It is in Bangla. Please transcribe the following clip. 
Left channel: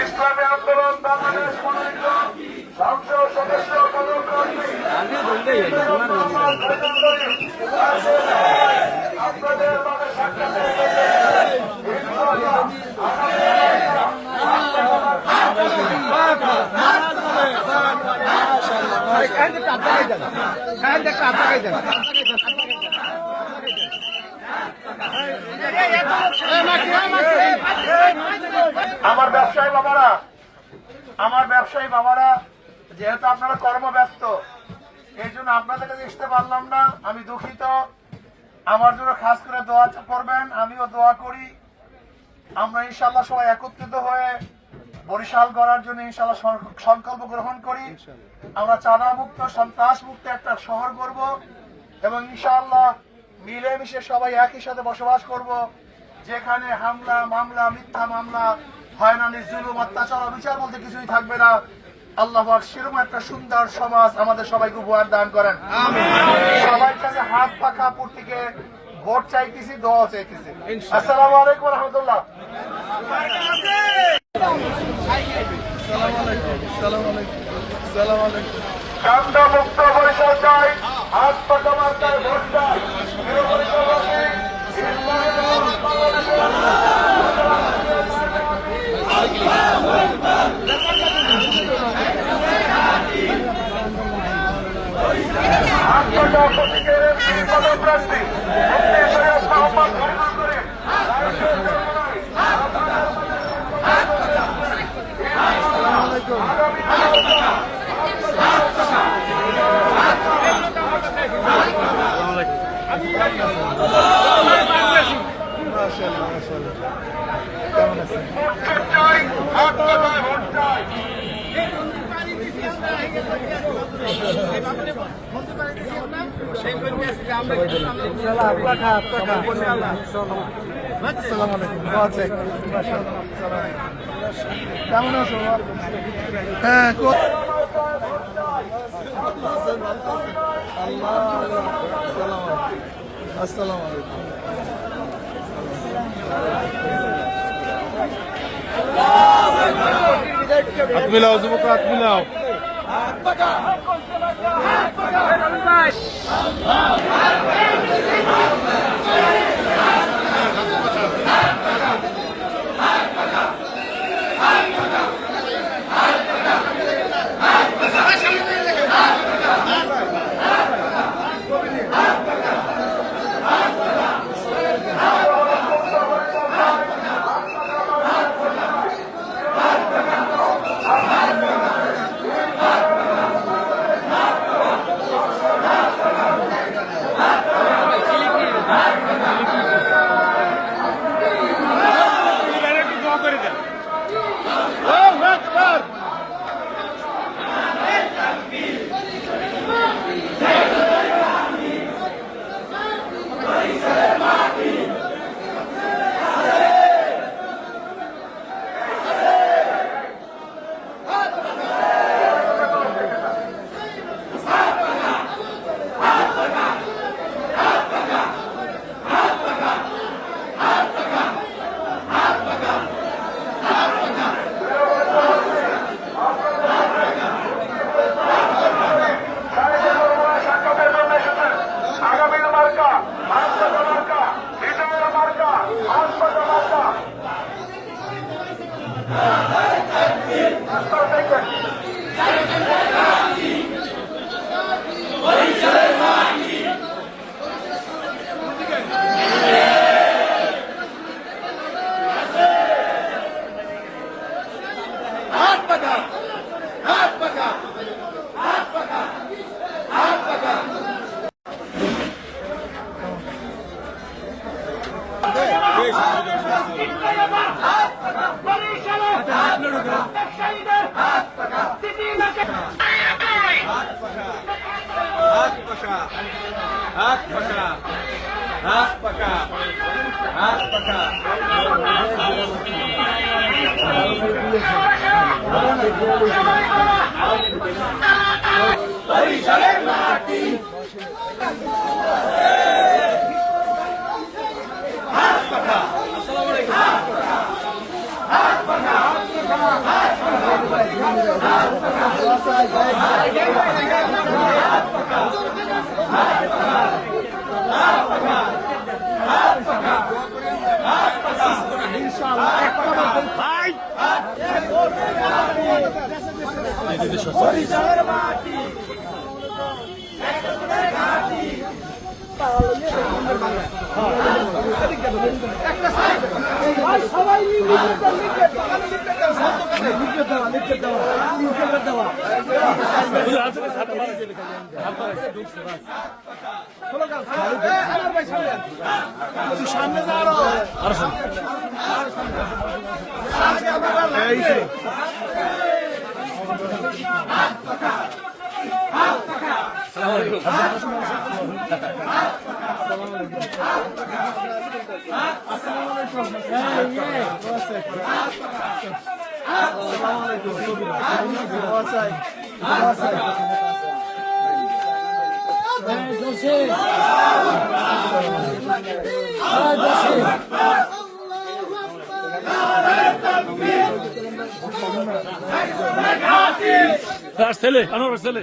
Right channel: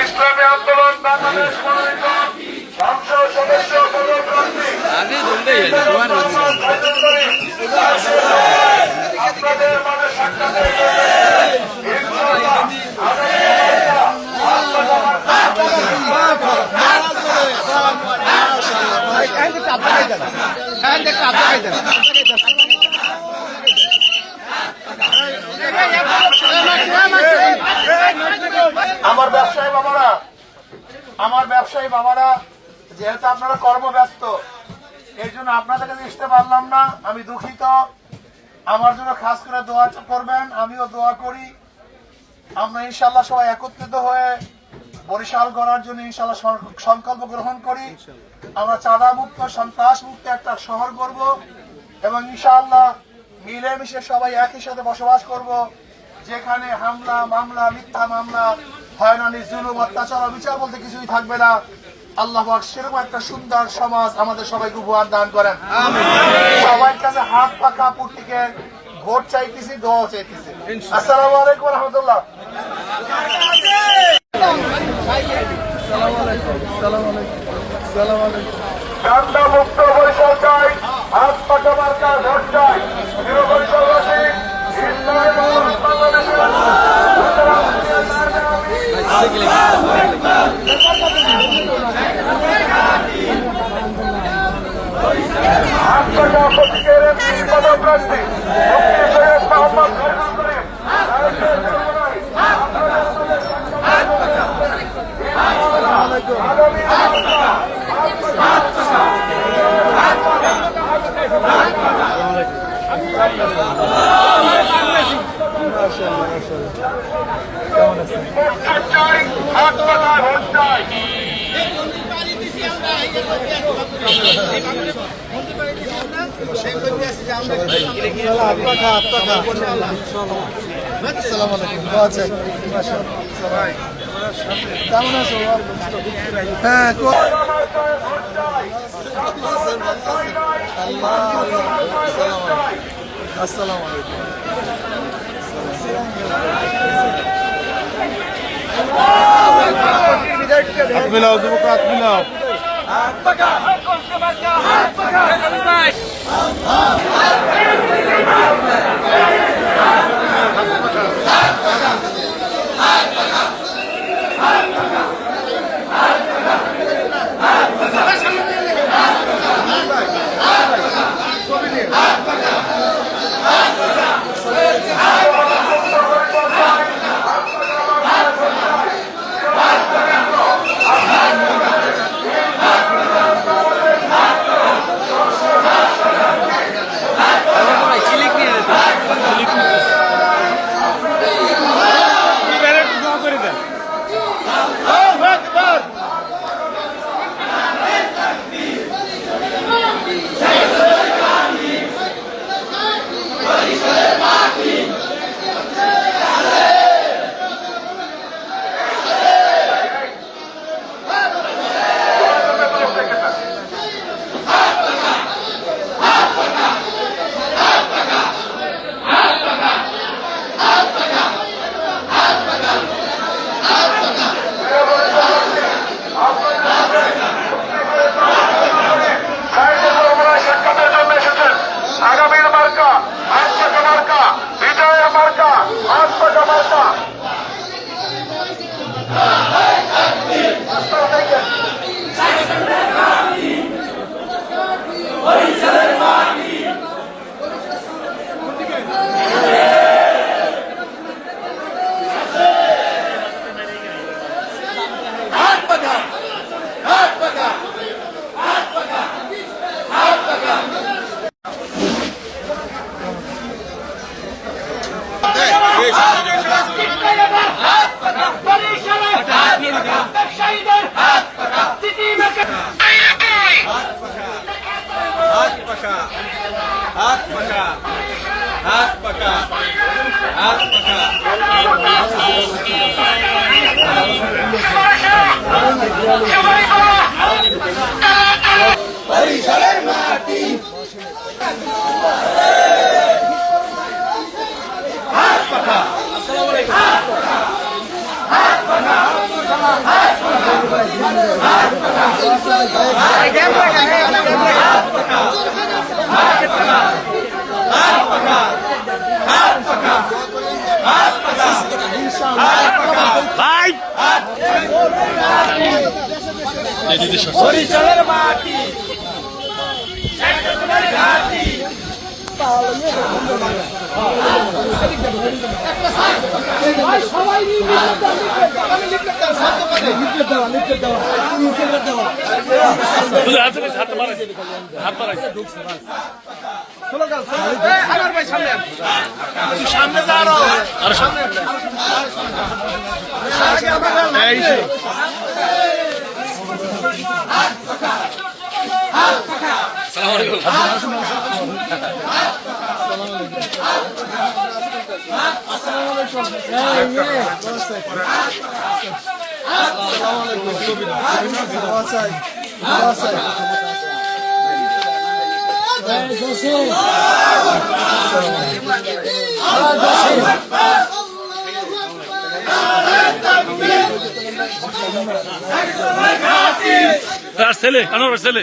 ইসলামী আন্দোলন বাংলাদেশ সংসদ সদস্য আপনাদের মাঝে সাক্ষাতের জন্য ইনশাআল্লাহ আগামী আমার ব্যবসায়ী বাবারা, আমার ব্যবসায়ী বাবারা, যেহেতু আপনারা কর্মব্যস্ত, এই জন্য আপনাদের কাছে পারলাম না, আমি দুঃখিত। আমার জন্য খাস করে দোয়া করবেন, আমিও দোয়া করি। আমরা ইনশাল্লাহ সবাই একত্রিত হয়ে বরিশাল গড়ার জন্য ইনশাল্লাহ সংকল্প গ্রহণ করি। আমরা চাঁদা মুক্ত সন্ত্রাস মুক্ত একটা শহর করব এবং ইনশাআল্লাহ মিলেমিশে সবাই একই সাথে বসবাস করব। যেখানে হামলা, মামলা, মিথ্যা মামলা হয়রানি জুলুম অত্যাচার অবিচার বলতে কিছুই থাকবে না। আল্লাহ সেরকম একটা সুন্দর সমাজ আমাদের সবাইকে উপহার দান করেন। সবার কাছে হাত পাখা পুটিকে ভোট চাইতেছি দোয়া চাইতেছি। আসসালামু আলাইকুম রহমতুল্লাহ। কান্দা মুক্ত পরিসর চাই হাত পাখা মার্কা ভোট চাই প্রিয় পরিসরবাসী ইসলামী আন্দোলন বাংলাদেশের প্রতীকের একটি পদপ্রার্থী মুফতি সৈয়দ মোহাম্মদ খলিলুদ্দিন। হাত পাখা ভোট চাই কেমন আছো? হ্যাঁ আসসালামু আলাইকুম হাত মিলাও হাই আগামীর মার্কা আজকে মার্কা বিজয়ের মার্কা আজকে মার্কা Paris, Salerno, Martín. ভাই দেশে মাটি সামনে যা আরও তার ছেলে আনোয়ার ছেলে